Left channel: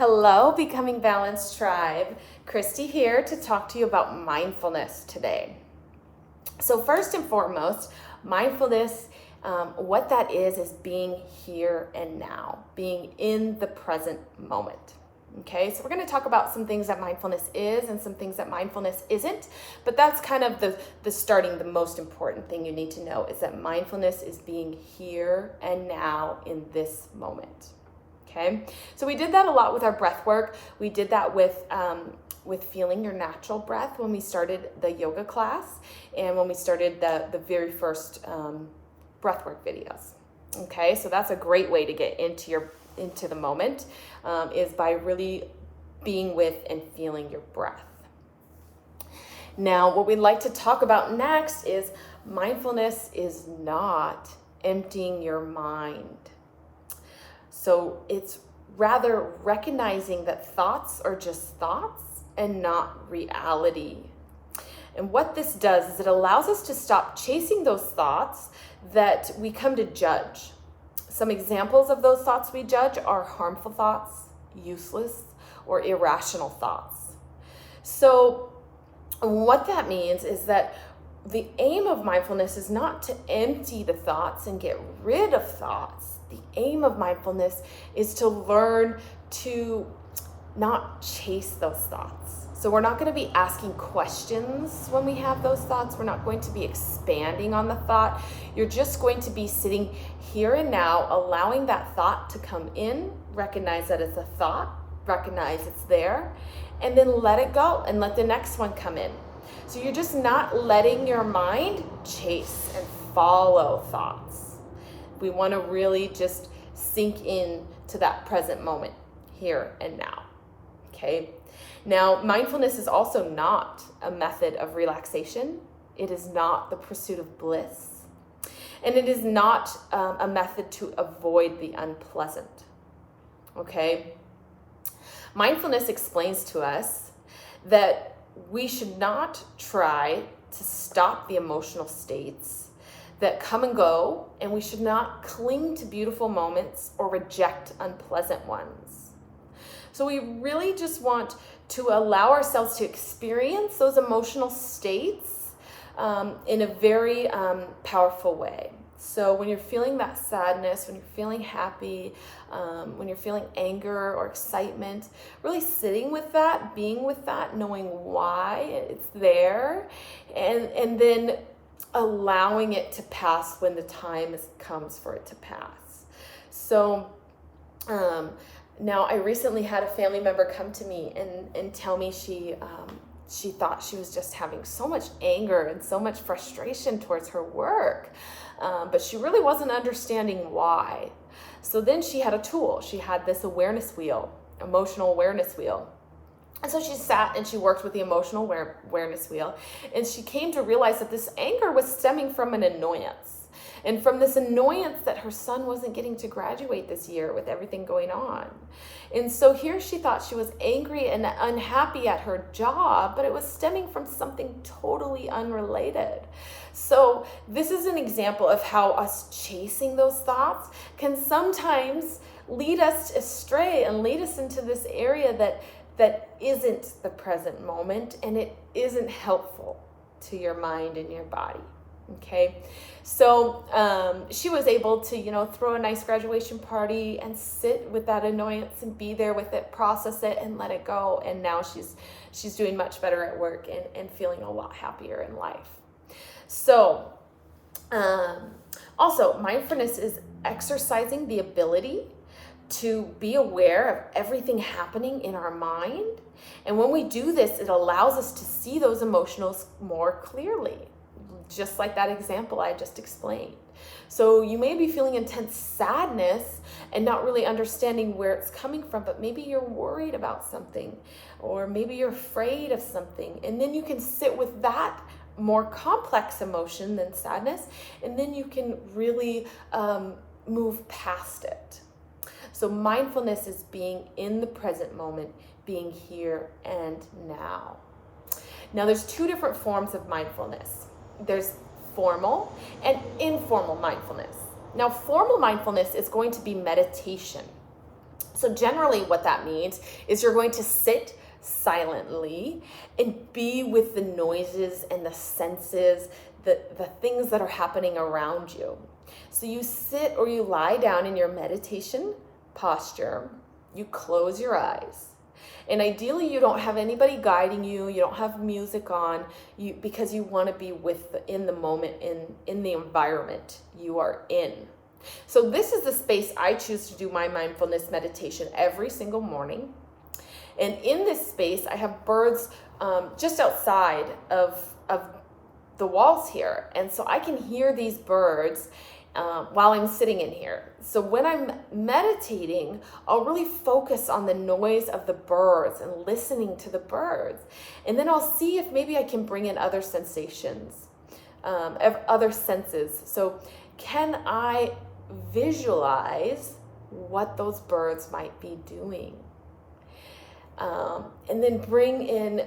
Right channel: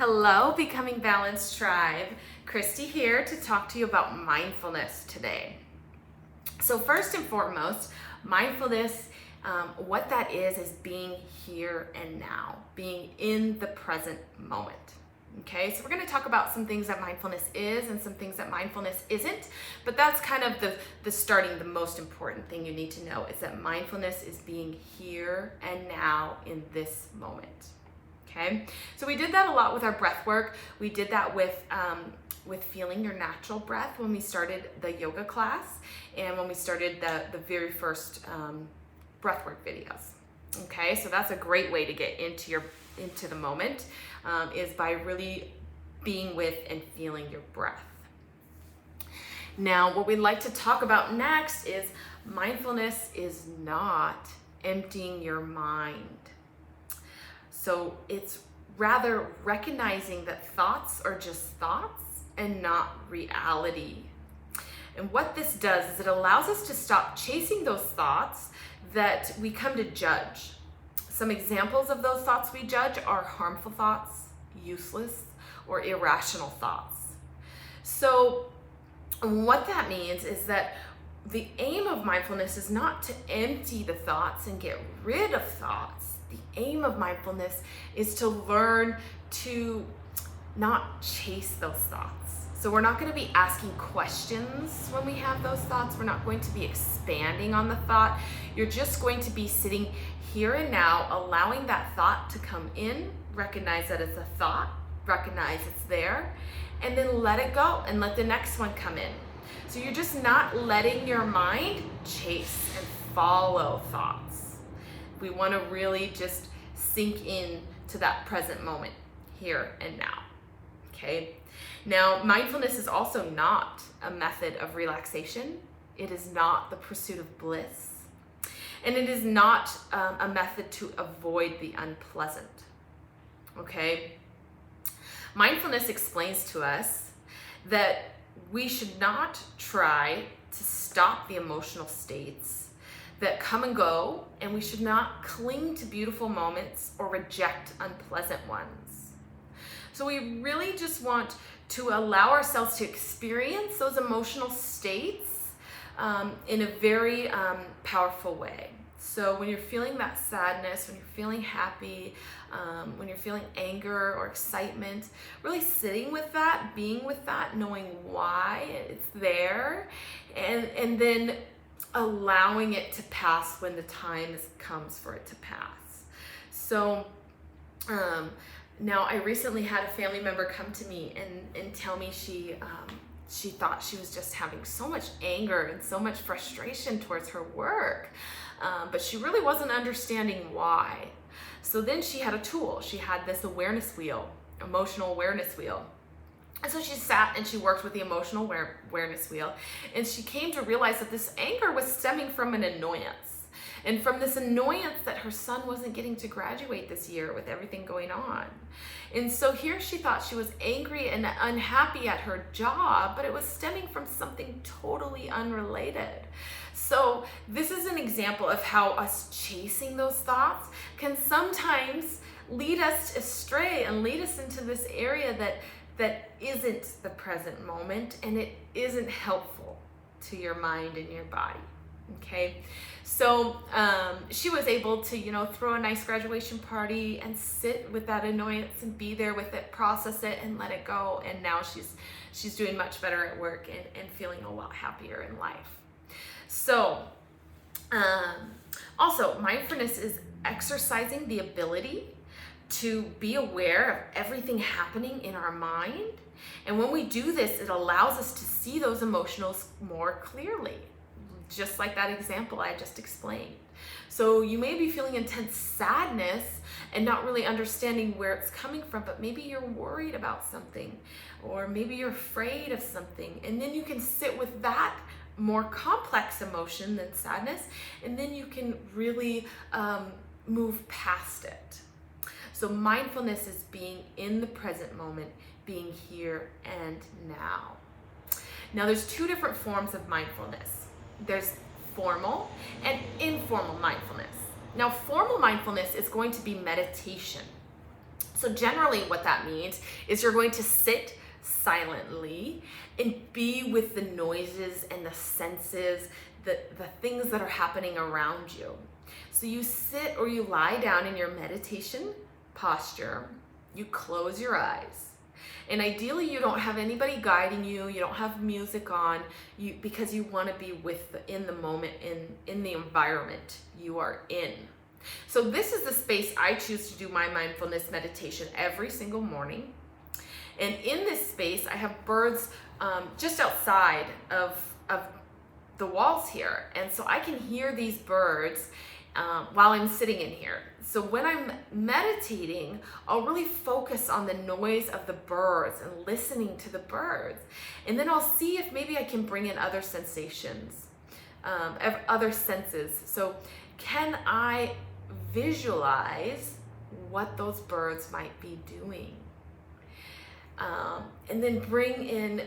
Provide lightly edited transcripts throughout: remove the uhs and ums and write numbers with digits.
Hello, Becoming Balanced Tribe. Christy here to talk to you about mindfulness today. So first and foremost, mindfulness, what that is being here and now, being in the present moment. Okay, so we're going to talk about some things that mindfulness is and some things that mindfulness isn't, but that's kind of the most important thing you need to know is that mindfulness is being here and now in this moment. Okay, so we did that a lot with our breath work. We did that with feeling your natural breath when we started the yoga class and when we started the very first breath work videos. Okay, so that's a great way to get into the moment is by really being with and feeling your breath. Now, what we'd like to talk about next is mindfulness is not emptying your mind. So it's rather recognizing that thoughts are just thoughts and not reality. And what this does is it allows us to stop chasing those thoughts that we come to judge. Some examples of those thoughts we judge are harmful thoughts, useless, or irrational thoughts. So what that means is that the aim of mindfulness is not to empty the thoughts and get rid of thoughts. The aim of mindfulness is to learn to not chase those thoughts. So we're not going to be asking questions when we have those thoughts. We're not going to be expanding on the thought. You're just going to be sitting here and now, allowing that thought to come in, recognize that it's a thought, recognize it's there, and then let it go and let the next one come in. So you're just not letting your mind chase and follow thoughts. We want to really just sink in to that present moment, here and now. Okay. Now, mindfulness is also not a method of relaxation. It is not the pursuit of bliss. And it is not a method to avoid the unpleasant. Okay. Mindfulness explains to us that we should not try to stop the emotional states that come and go, and we should not cling to beautiful moments or reject unpleasant ones. So we really just want to allow ourselves to experience those emotional states in a very powerful way. So when you're feeling that sadness, when you're feeling happy, when you're feeling anger or excitement, really sitting with that, being with that, knowing why it's there, and then allowing it to pass when the time comes for it to pass. So now I recently had a family member come to me and tell me she thought she was just having so much anger and so much frustration towards her work, but she really wasn't understanding why. So then she had a tool. She had this awareness wheel, emotional awareness wheel. And so she sat and she worked with the emotional awareness wheel, and she came to realize that this anger was stemming from an annoyance. And from this annoyance that her son wasn't getting to graduate this year with everything going on. And so here she thought she was angry and unhappy at her job, but it was stemming from something totally unrelated. So this is an example of how us chasing those thoughts can sometimes lead us astray and lead us into this area that isn't the present moment, and it isn't helpful to your mind and your body. Okay, so she was able to, throw a nice graduation party and sit with that annoyance and be there with it, process it, and let it go. And now she's doing much better at work and feeling a lot happier in life. So also, mindfulness is exercising the ability to be aware of everything happening in our mind. And when we do this, it allows us to see those emotions more clearly, just like that example I just explained. So you may be feeling intense sadness and not really understanding where it's coming from, but maybe you're worried about something, or maybe you're afraid of something. And then you can sit with that more complex emotion than sadness, and then you can really move past it. So mindfulness is being in the present moment, being here and now. Now there's two different forms of mindfulness. There's formal and informal mindfulness. Now formal mindfulness is going to be meditation. So generally what that means is you're going to sit silently and be with the noises and the senses, the things that are happening around you. So you sit or you lie down in your meditation posture, you close your eyes. And ideally you don't have anybody guiding you, you don't have music on, because you want to be in the moment, in the environment you are in. So this is the space I choose to do my mindfulness meditation every single morning. And in this space, I have birds just outside of the walls here. And so I can hear these birds while I'm sitting in here. So when I'm meditating, I'll really focus on the noise of the birds and listening to the birds. And then I'll see if maybe I can bring in other sensations, other senses. So can I visualize what those birds might be doing? And then bringing in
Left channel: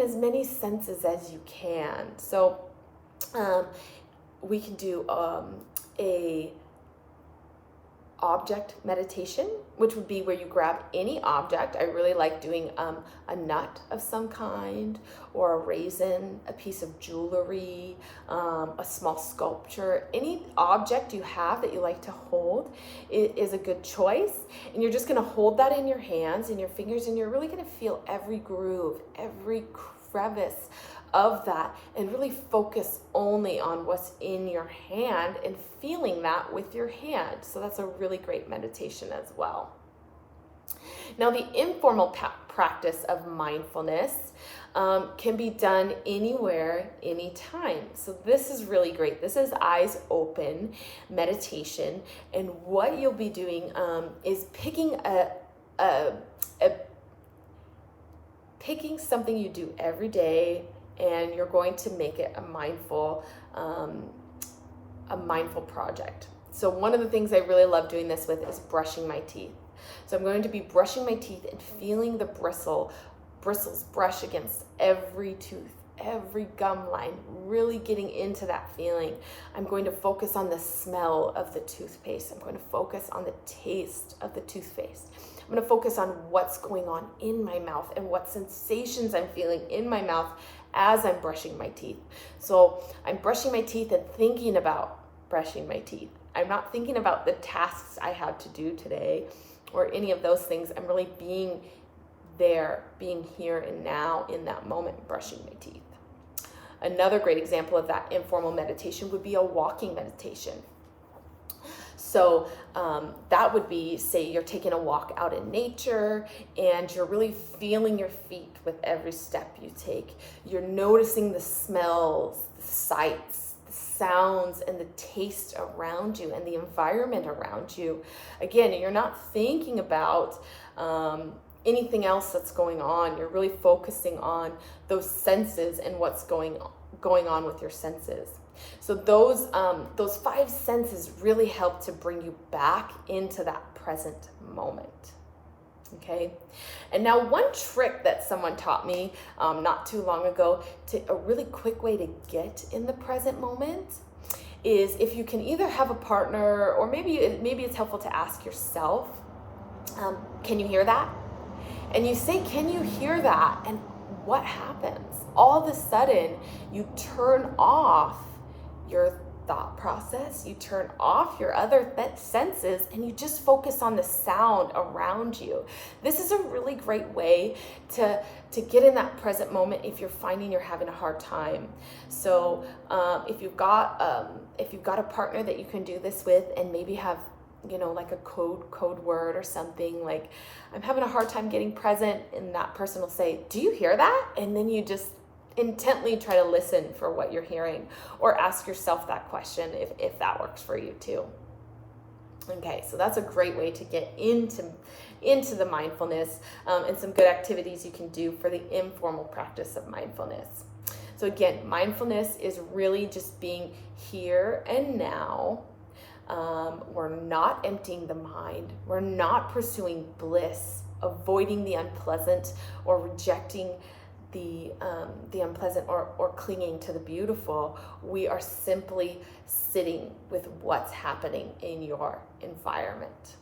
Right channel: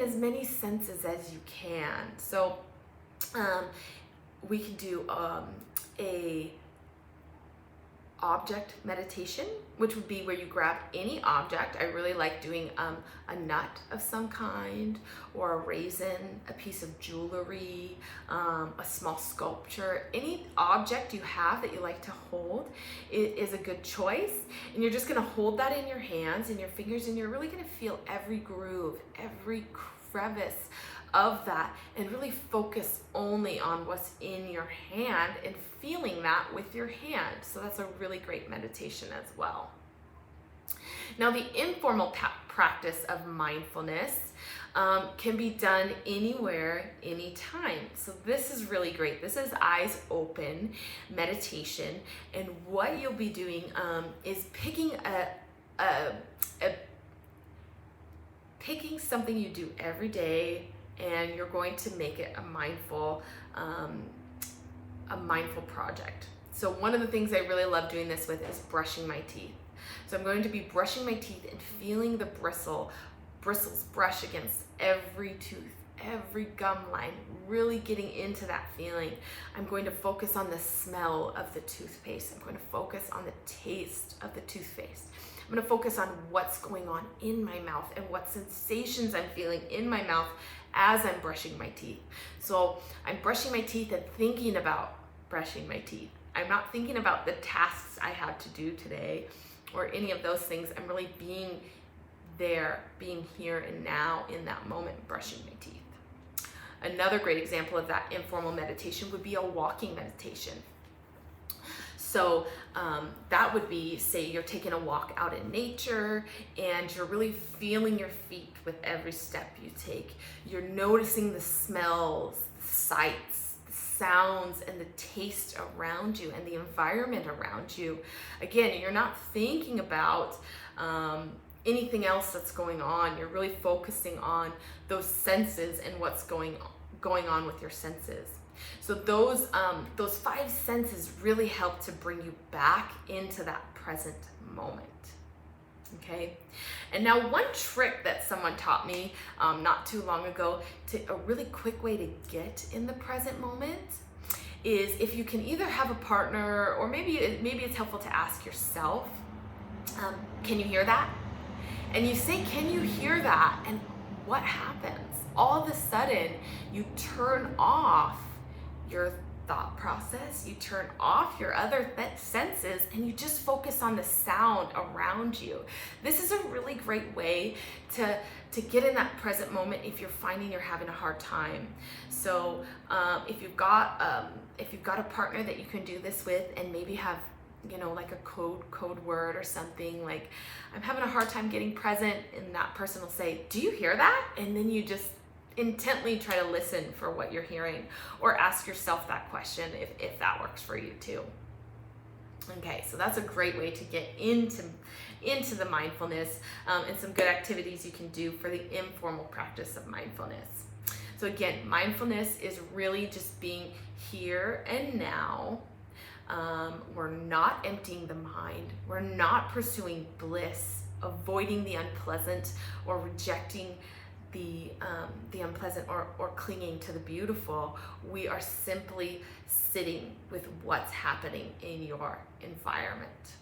as many senses as you can. So we can do a object meditation, which would be where you grab any object. I really like doing a nut of some kind, or a raisin, a piece of jewelry, a small sculpture. Any object you have that you like to hold is a good choice. And you're just gonna hold that in your hands and your fingers, and you're really gonna feel every groove, every crevice of that, and really focus only on what's in your hand and feeling that with your hand. So that's a really great meditation as well. Now, the informal practice of mindfulness can be done anywhere, anytime. So this is really great. This is eyes open meditation, and what you'll be doing is picking picking something you do every day, and you're going to make it a mindful project. So one of the things I really love doing this with is brushing my teeth. So I'm going to be brushing my teeth and feeling the bristles brush against every tooth, every gum line, really getting into that feeling. I'm going to focus on the smell of the toothpaste. I'm going to focus on the taste of the toothpaste. I'm going to focus on what's going on in my mouth and what sensations I'm feeling in my mouth as I'm brushing my teeth. So I'm brushing my teeth and thinking about brushing my teeth. I'm not thinking about the tasks I had to do today or any of those things. I'm really being there, being here and now in that moment, brushing my teeth. Another great example of that informal meditation would be a walking meditation. So that would be, say you're taking a walk out in nature and you're really feeling your feet with every step you take. You're noticing the smells, the sights, the sounds, and the taste around you and the environment around you. Again, you're not thinking about anything else that's going on. You're really focusing on those senses and what's going on with your senses. So those 5 senses really help to bring you back into that present moment. Okay. And now one trick that someone taught me not too long ago, a really quick way to get in the present moment, is if you can either have a partner, or maybe it's helpful to ask yourself, can you hear that? And you say, can you hear that? And what happens? All of a sudden, you turn off your thought process, you turn off your other senses, and you just focus on the sound around you. This is a really great way to get in that present moment if you're finding you're having a hard time. So if you've got a partner that you can do this with, and maybe have like a code word or something, like, I'm having a hard time getting present, and that person will say, do you hear that? And then you just intently try to listen for what you're hearing, or ask yourself that question if that works for you too. Okay, so that's a great way to get into the mindfulness, and some good activities you can do for the informal practice of mindfulness. So again, mindfulness is really just being here and now. We're not emptying the mind. We're not pursuing bliss, avoiding the unpleasant, or rejecting the unpleasant, or clinging to the beautiful. We are simply sitting with what's happening in your environment.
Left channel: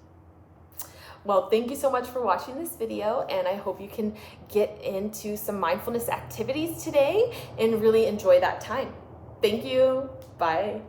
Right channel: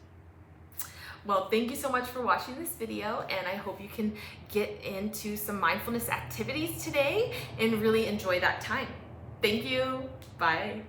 Well, thank you so much for watching this video, and I hope you can get into some mindfulness activities today and really enjoy that time. Thank you. Bye.